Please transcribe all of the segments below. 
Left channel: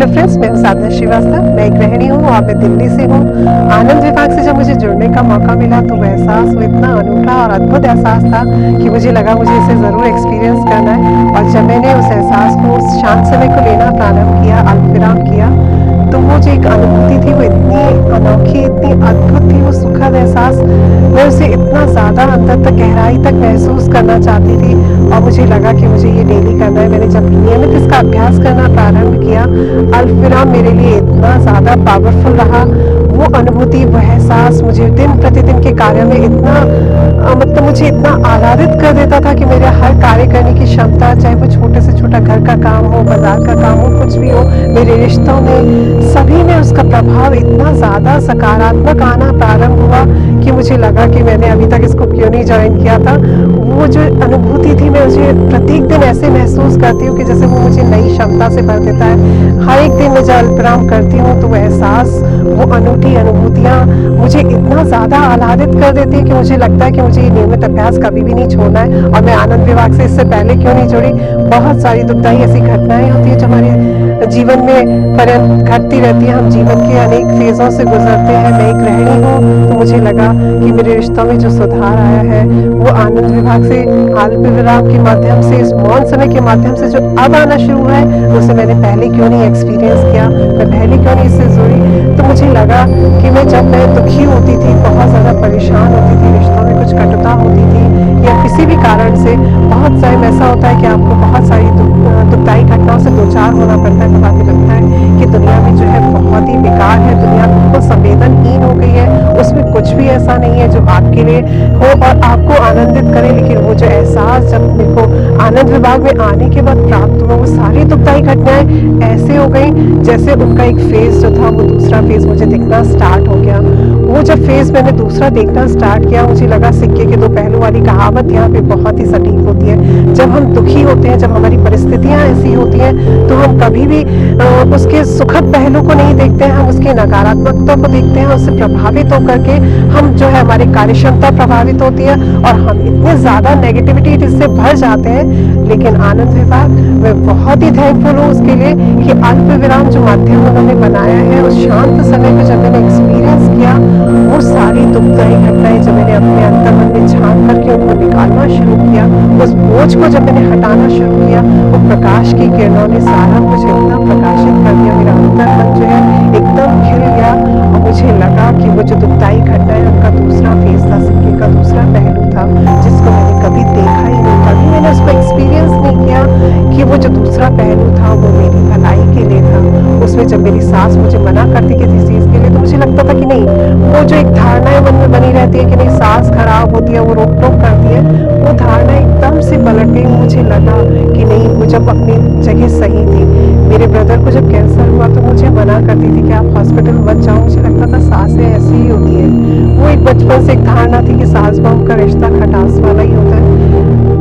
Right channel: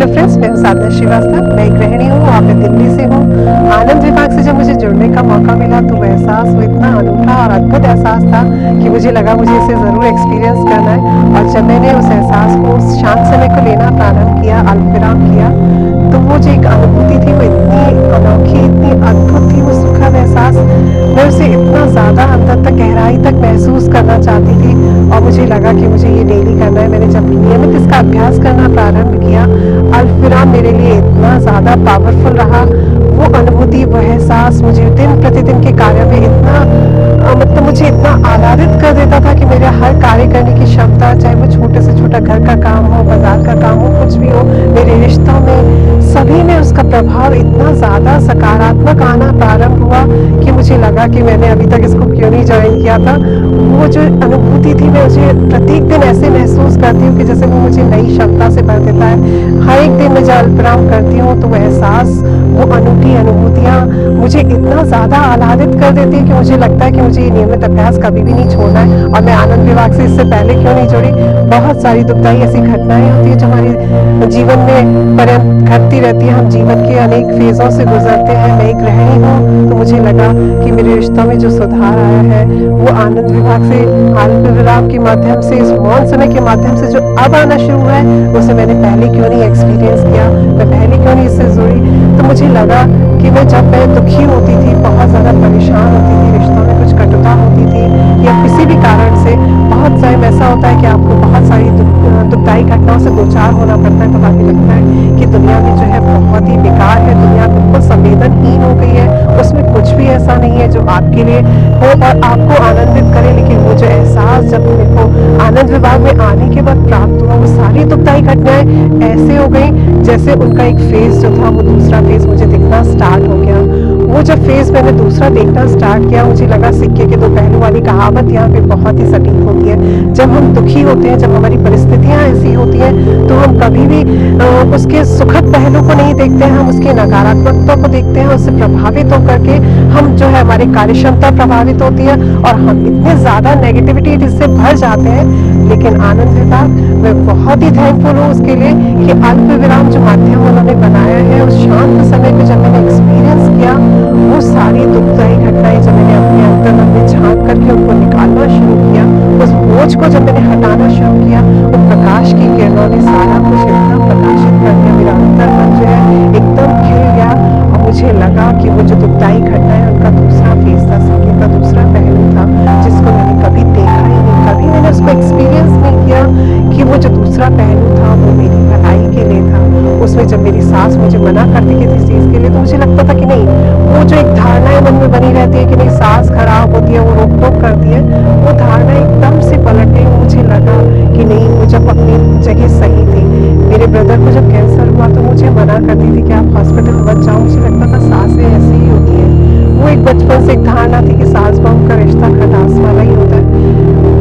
Hello friends, मैं हूं साधना श्रीवास्तव। मैं एक गृहिणी हूं और मैं दिल्ली से हूं। आनंद विभाग से जब मुझे जुड़ने का मौका मिला तो वो एहसास वो इतना अनूठा और अद्भुत एहसास था कि मुझे लगा मुझे इसे ज़रूर एक्सपीरियंस करना है। और जब मैंने उस एहसास को, उस शांत समय को लेना प्रारंभ किया, अल्पविराम किया, तो वो जो एक अनुभूति थी वो इतनी अनोखी, इतनी अद्भुत थी, वो सुखद एहसास। मैं उसे इतना ज़्यादा अंदर तक, गहराई तक महसूस करना चाहती थी और मुझे लगा कि मुझे ये डेली करना है। मैंने जब नियमित इसका अभ्यास करना प्रारंभ किया, अल्पविराम मेरे लिए इतना ज़्यादा पावरफुल रहा। वो अनुभूति, वो एहसास मुझे दिन प्रतिदिन के कार्य में इतना मतलब मुझे इतना आह्लादित कर देता था कि मेरे हर कार्य करने की क्षमता, चाहे वो छोटे से छोटा घर का काम हो, बाजार का काम हो, कुछ भी हो, मेरे रिश्तों में, सभी में उसका प्रभाव इतना ज़्यादा सकारात्मक आना प्रारंभ हुआ कि मुझे लगा कि मैंने अभी तक इसको क्यों नहीं ज्वाइन किया था। वो जो अनुभूति थी, मैं मुझे प्रत्येक दिन ऐसे महसूस करती हूँ कि जैसे वो मुझे नई क्षमता से भर देता है। हर एक दिन मैं जब अल्पविराम करती हूँ तो वो एहसास, वो अनूठी अनुभूतियाँ मुझे इतना ज़्यादा आह्लादित कर देती है कि मुझे लगता है कि मुझे ये नियमित अभ्यास कभी भी नहीं छोड़ना है। और मैं आनंद विभाग से इससे पहले क्यों नहीं जुड़ी, बहुत सारी दुखदाई ऐसी घटनाएं होती है जो हमारे जीवन में पर्यंत घटती रहती है। हम जीवन के अनेक फेज़ों से गुजरते हैं। मैं एक गृहिणी हूँ तो मुझे लगा कि मेरे रिश्तों में जो सुधार आया है वो आनंद विभाग से, अल्पविराम के माध्यम से, इस मौन समय के माध्यम से जो अब आना शुरू हुआ है, उसे मैंने पहले क्यों नहीं एक्सपीरियंस किया, मैं पहले क्यों नहीं इससे जुड़ी। तो मुझे लगा कि मैं दुखी होती थी, बहुत ज़्यादा परेशान होती थी, रिश्तों में कुछ कटुता होती थी या किसी भी कारण से, बहुत टाइम ऐसा होता है कि आपको बहुत सारी दुखदाई घटनाओं से दो चार होना पड़ता है, तब आपको लगता है कि दुनिया में जो है बहुत ही बेकार है, दुनिया बिल्कुल संवेदनहीन हो गई है, उसमें कुछ भी ऐसा नहीं है जो आपके लिए हो और आपको आनंदित करे। लेकिन वो जो एहसास जब मेरे को आनंद विभाग में आने के बाद प्राप्त हुआ, वो सारी दुखदाई घटनाएं ऐसे हो गई जैसे उनका एक फेज जो था वो दूसरा फेज मुझे दिखना स्टार्ट हो गया। वो जब फेज मैंने दूसरा देखना स्टार्ट किया, मुझे लगा सिक्के के दो पहलू वाली कहावत यहाँ पे बहुत ही सटीक होती है। जब हम दुखी होते हैं, जब हमारी परिस्थितियाँ ऐसी होती हैं, तो हम कभी भी उसके सुखद पहलू को नहीं देखते हैं, हम उसकी नकारात्मकता को देखते हैं। उससे प्रभावित होकर के हम जो है, हमारी कार्य क्षमता प्रभावित होती है और हम इतने ज़्यादा नेगेटिविटी इससे भर जाते हैं। लेकिन आनंद विभाग, मैं बहुत ही थैंकफुल हूँ उसके लिए कि अल्पविराम जो माध्यम उन्होंने बनाया है, उस शांत समय को जब मैंने एक्सपीरियंस किया, वो सारी दुखदाई घटनाएं जब मैंने अपने अंतर्मन में झांक करके उनको निकालना शुरू किया, उस बोझ को जब मैंने हटाना शुरू किया, वो प्रकाश की किरणों ने सारा कुछ इतना प्रकाशित कर दिया, मेरा अंतर्मन जो है एकदम खिल गया। और मुझे लगा कि वो जो दुखदाई घटनाएं, उनका दूसरा फेस था, सिक्के का दूसरा पहलू था, जिसको मैंने कभी देखा ही नहीं, कभी मैंने उसको एक्सपीरियंस नहीं किया कि वो जो दूसरा पहलू था वो मेरी भलाई के लिए था। उसमें जब मेरी सास मुझे मना करती किसी चीज़ के लिए, तो मुझे लगता था कि नहीं, वो जो एक धारणाएं मन में बनी रहती है कि नहीं, सास खराब होती है, वो रोक टोक करती है, वो धारणा एकदम से पलट गई। मुझे लगा कि नहीं, वो जब अपनी जगह सही थी। मेरे ब्रदर को जब कैंसर हुआ तो मुझे मना करती थी कि आप हॉस्पिटल मत जाओ, मुझे लगता था सासें ऐसी ही होती है। वो एक बचपन से एक धारणा थी कि सास बहू का रिश्ता खटास वाला ही होता है।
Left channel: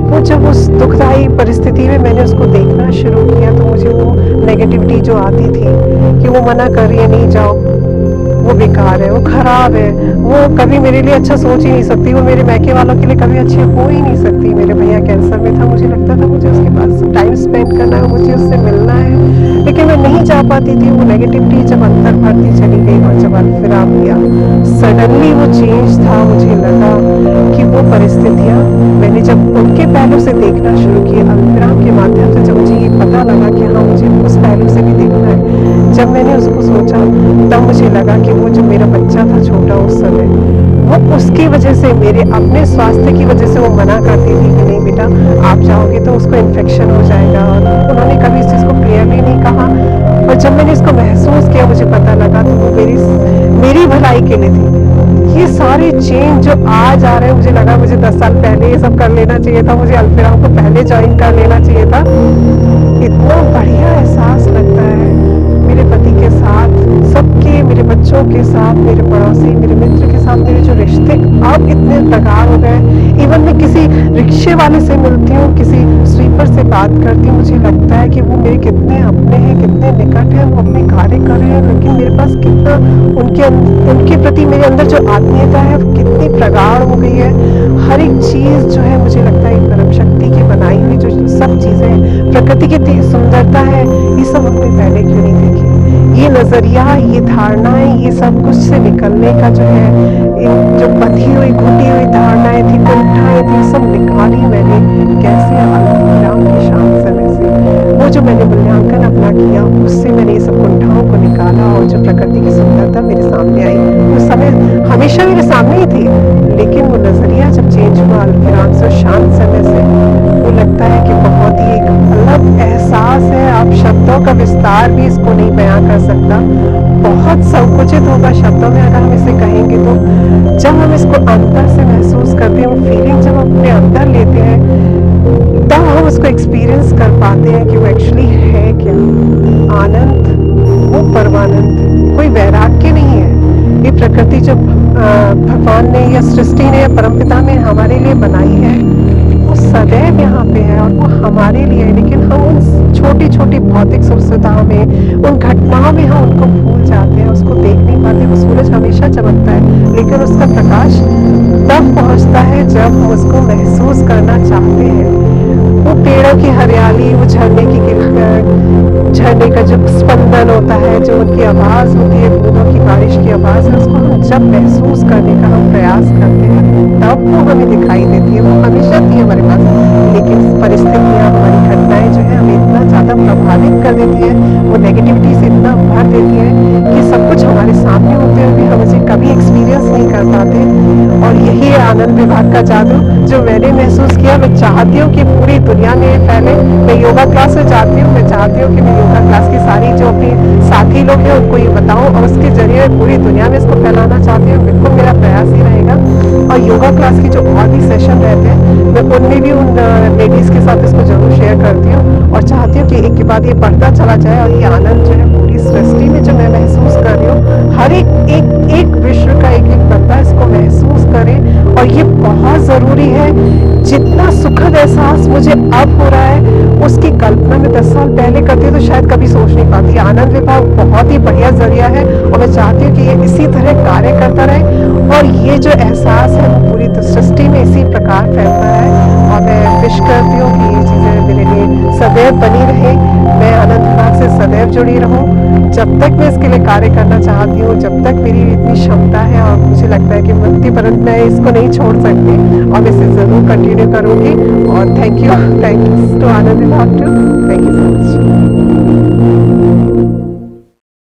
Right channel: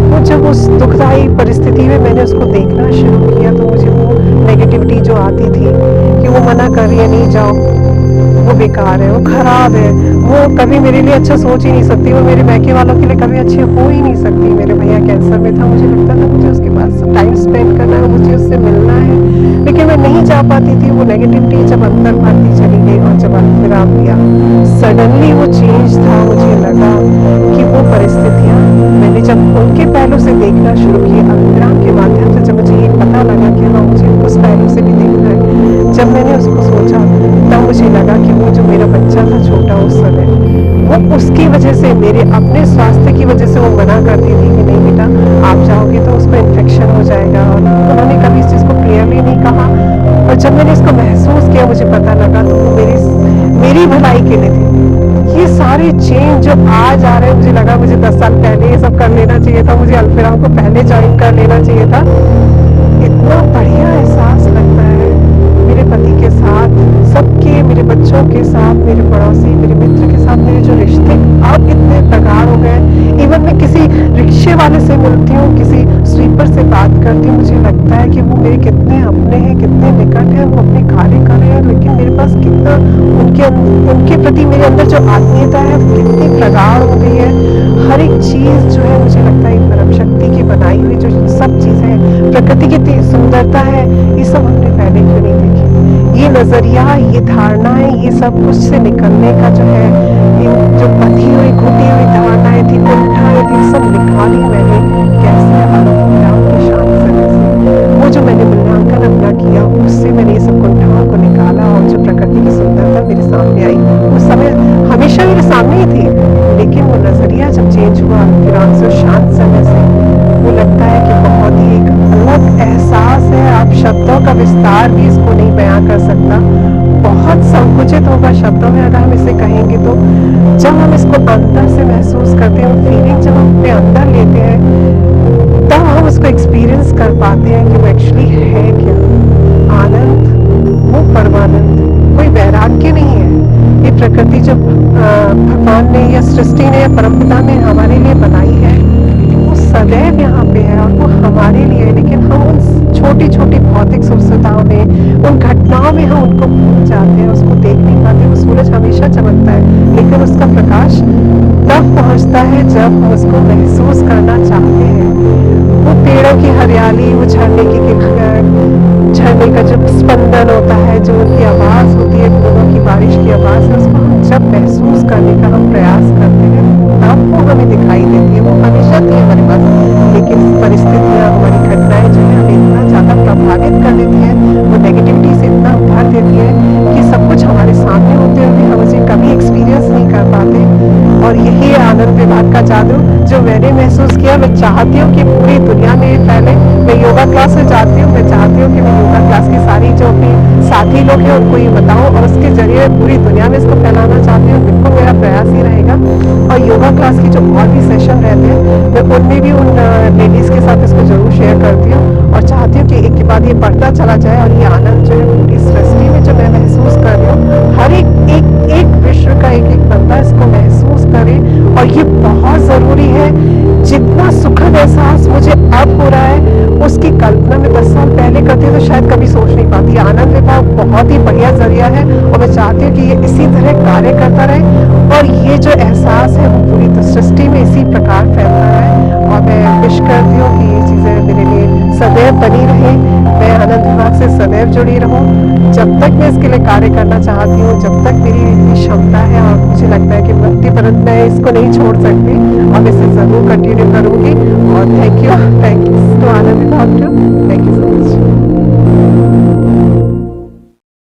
वो जब उस दुखदाई परिस्थिति में मैंने उसको देखना शुरू किया, तो मुझे वो नेगेटिविटी जो आती थी कि वो मना कर रही है, नहीं जाओ, वो बेकार है, वो खराब है, वो कभी मेरे लिए अच्छा सोच ही नहीं सकती, वो मेरे मायके वालों के लिए कभी अच्छे हो ही नहीं सकती। मेरे भैया कैंसर में था, मुझे लगता था मुझे उसके पास टाइम स्पेंड करना है, मुझे उससे मिलना है, लेकिन मैं नहीं जा पाती थी। वो नेगेटिविटी जब अंतर भरती चली गई और जब अल्पविराम लिया, सडनली वो चेंज था। मुझे लगा कि वो परिस्थितियाँ मैंने जब उनके पहलू से देखना शुरू किया, अल्पविराम के माध्यम से, जब मुझे ये पता लगा कि हाँ, मुझे उस पहलू से भी देखना है, जब मैंने उसको सोचा, तब मुझे लगा कि वो जो मेरा बच्चा था छोटा उस समय, वो उसकी वजह से, मेरे अपने स्वास्थ्य की वजह से वो मना करती थी कि नहीं बेटा, आप जाओगे तो उसको इन्फेक्शन हो जाएगा, और उन्होंने कभी इस चीज़ को क्लियरली नहीं कहा। और जब मैंने इसको महसूस किया, मुझे पता लगा, तो वो मेरी भलाई के लिए थी। ये सारे चेंज जो आज आ रहे हैं, मुझे लगा मुझे 10 साल पहले ये सब कर लेना चाहिए था, मुझे अल्पविराम को पहले ज्वाइन कर लेना चाहिए था। इतना बढ़िया एहसास लगता है मेरे पति के साथ, सबके, मेरे बच्चों के साथ, मेरे पड़ोसी, मेरे मित्र के साथ, मेरे जो रिश्ते अब इतने प्रगाढ़ हो गए। इवन मैं किसी रिक्शे वाले से मिलती हूँ, किसी स्वीपर से बात करती हूँ, मुझे लगता है कि वो मेरे कितने अपने हैं, कितने निकट हैं, वो अपने कार्य कर रहे हैं, लेकिन मेरे पास कितना उनके प्रति मेरे अंदर जो आत्मीयता है कितनी प्रगाढ़ हो गई है। हर एक चीज़ जो है, मुझे लगता है परम शक्ति की बनाई हुई, जो सब सब चीज़ें, प्रकृति की इतनी सुंदरता है, ये सब हमने पहले क्यों नहीं देखी? ये नज़रिया, ये धारणाएँ, ये सब कुछ से निकलने का जो है, इन जो बंधी हुई, घुटी हुई धारणाएँ थी, कुंठाएँ थी, सब निकाली मैंने कैसे अल्पविराम की शांत समय से। वो जो मैंने मूल्यांकन अपना किया, उससे मैंने ये सब कुंठाओं को निकाला और जो प्रकृति की सुंदरता मेरे सामने आई, उस समय हमेशा मेरे सामने ही थी, लेकिन वो नज़रिया जब चेंज हुआ अल्पविराम से, उस शांत समय से, वो लगता है कि बहुत ही एक अलग एहसास है। आप शब्दों का विस्तार भी इसको नहीं बयां कर सकता, बहुत संकुचित होगा शब्दों में अगर हम इसे कहेंगे तो। जब हम इसको अंदर से महसूस करते हैं, वो फीलिंग जब हम अपने अंदर लेते हैं, तब हम उसको एक्सपीरियंस कर पाते हैं कि वो एक्चुअली है क्या। आनंद, वो परमानंद, कोई वैराग्य नहीं है। ये प्रकृति जब भगवान ने या सृष्टि ने या परमपिता ने हमारे लिए बनाई है, वो सदैव यहाँ पे है और वो हमारे लिए है, लेकिन हम उन छोटी छोटी भौतिक सुविधाओं में, उन घटनाओं में हम उनको भूल जाते हैं, उसको देख नहीं पाते। वो सूरज हमेशा चमकता है, लेकिन उसका प्रकाश तब पहुँचता है जब हम उसको महसूस करना चाहते हैं। वो पेड़ों की हरियाली, वो झरने की झरने का जो स्पंदन होता है, जो उनकी आवाज़ होती है, बूंदों की बारिश की आवाज़ है, उसको हम जब महसूस करने का हम प्रयास करते हैं, तब वो हमें दिखाई देती है। वो हमेशा थी हमारे पास, लेकिन परिस्थितियाँ, हमारी घटनाएं जो है हमें इतना ज़्यादा प्रभावित कर देती हैं, वो नेगेटिविटी से इतना भर देती है कि सब कुछ हमारे सामने होते हुए भी हम उसे कभी एक्सपीरियंस नहीं कर पाते। और यही है आनंद विभाग का जादू, जो मैंने महसूस किया। मैं चाहती हूँ कि पूरी दुनिया में फैले। मैं योगा क्लास में जाती हूँ, मैं चाहती हूँ कि मैं योगा क्लास की सारी जो अपनी साथी लोग हैं उनको ये बताऊँ, और उसके जरिए पूरी दुनिया में इसको फैलाना चाहती हूँ। बिल्कुल मेरा प्रयास ही रहेगा। और योगा क्लास की जो और भी सेशन रहते हैं, मैं उनमें भी उन लेडीज़ के साथ इसको ज़रूर शेयर करती हूँ, और चाहती हूँ कि एक के बाद ये बढ़ता चला जाए। और ये आनंद जो है पूरी सृष्टि में जो मैं महसूस कर रही हूँ, हर एक विश्व का एक बंदा इसको महसूस करे। और ये बहुत ज़रूरी है। जितना सुखद एहसास मुझे अब हो रहा है, उसकी कल्पना मैं 10 साल पहले करती हूँ तो शायद कभी सोच नहीं पाती। आनंद विभाग बहुत ही बढ़िया जरिया है, और मैं चाहती हूँ कि ये इसी तरह कार्य करता रहे, और ये जो एहसास है वो पूरी सृष्टि में इसी प्रकार फैलता रहे। और मैं विश करती हूँ कि ये चीज़ें मेरे लिए सदैव बनी रहे, मैं आनंद विभाग से सदैव जुड़ी रहूँ। जब तक मैं इसके लिए कार्य करना चाहती हूँ, जब तक मेरी इतनी क्षमता है, और मुझे लगता है कि मृत्यु पर्यंत मैं इसको नहीं छोड़ सकती, और मैं इसे ज़रूर कंटिन्यू करूँगी। और थैंक्स टू आनंद विभाग too, thank you so much.